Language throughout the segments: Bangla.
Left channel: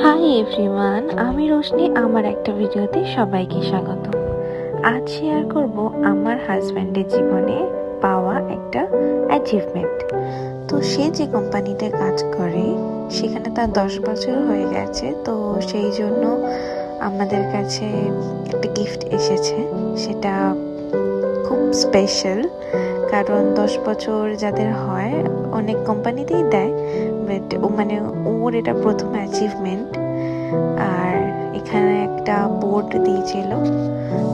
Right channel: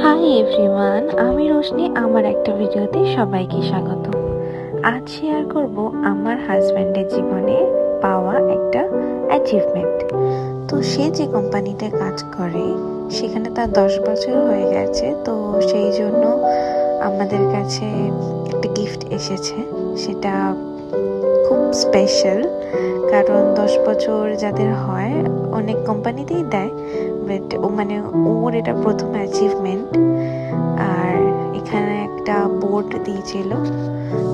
হাই এভরিওয়ান, আমি রোশনি। আমার একটা ভিডিওতে সবাইকে স্বাগত। আজ শেয়ার করব আমার হাজব্যান্ডের জীবনে পাওয়া একটা অ্যাচিভমেন্ট। তো সে যে কোম্পানিতে কাজ করে সেখানে তার 10 বছর হয়ে গেছে। তো সেই জন্য আমাদের কাছে একটা গিফট এসেছে, সেটা খুব স্পেশাল। কারণ 10 বছর যাদের হয় অনেক কোম্পানিতেই দেয়, বাট ওর এটা প্রথম অ্যাচিভমেন্ট। আর এখানে একটা বোর্ড দিয়েছিল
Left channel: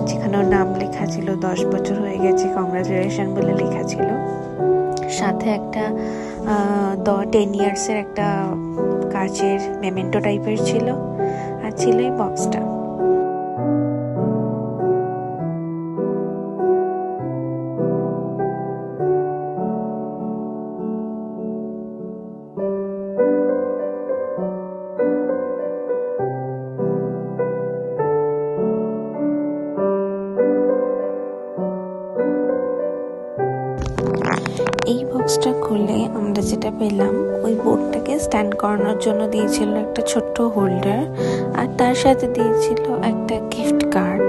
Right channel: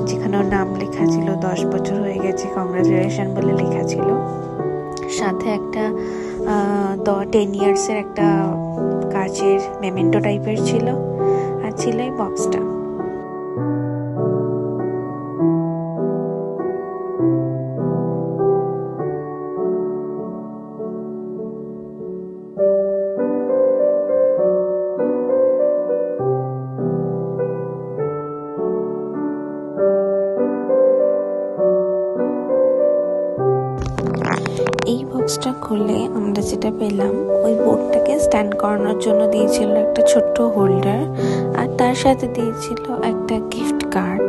যেখানে ওর নাম লেখা ছিল, 10 বছর হয়ে গেছে, কংগ্রাচুলেশন বলে লেখা ছিল। সাথে একটা 10 ইয়ার্সের একটা কাচের মেমেন্টো টাইপের ছিল, আর ছিল এই বক্সটা। এই বক্সটা খুলে আমরা যেটা পেলাম, ওই বোর্ডটাকে স্ট্যান্ড করানোর জন্য দিয়েছিল একটা ছোট্ট হোল্ডার, আর তার সাথে দিয়েছিল একটা গিফট কার্ড,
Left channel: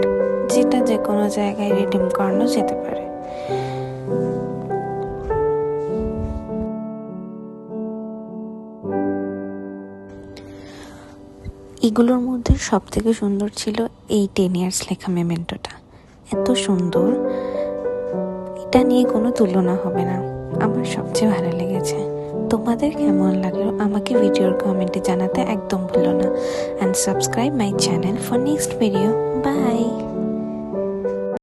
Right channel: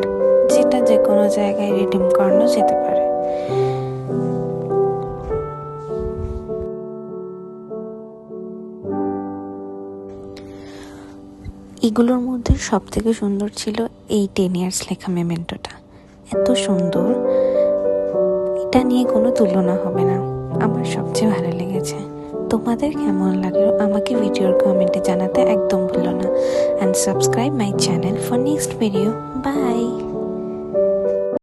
যেটা যে কোনো জায়গায় রিডিম করানো যেতে পারে। এগুলোর মধ্যে সব থেকে সুন্দর ছিল এই 10 ইয়ার্স লেখা মেমেন্টোটা। এত সুন্দর, এটা নিয়ে কোনো তুলনা হবে না। আমার সবচেয়ে ভালো লেগেছে। তোমাদের কেমন লাগলো আমাকে ভিডিওর কমেন্টে জানাতে একদম ভুলো না। And subscribe my channel for next video. By.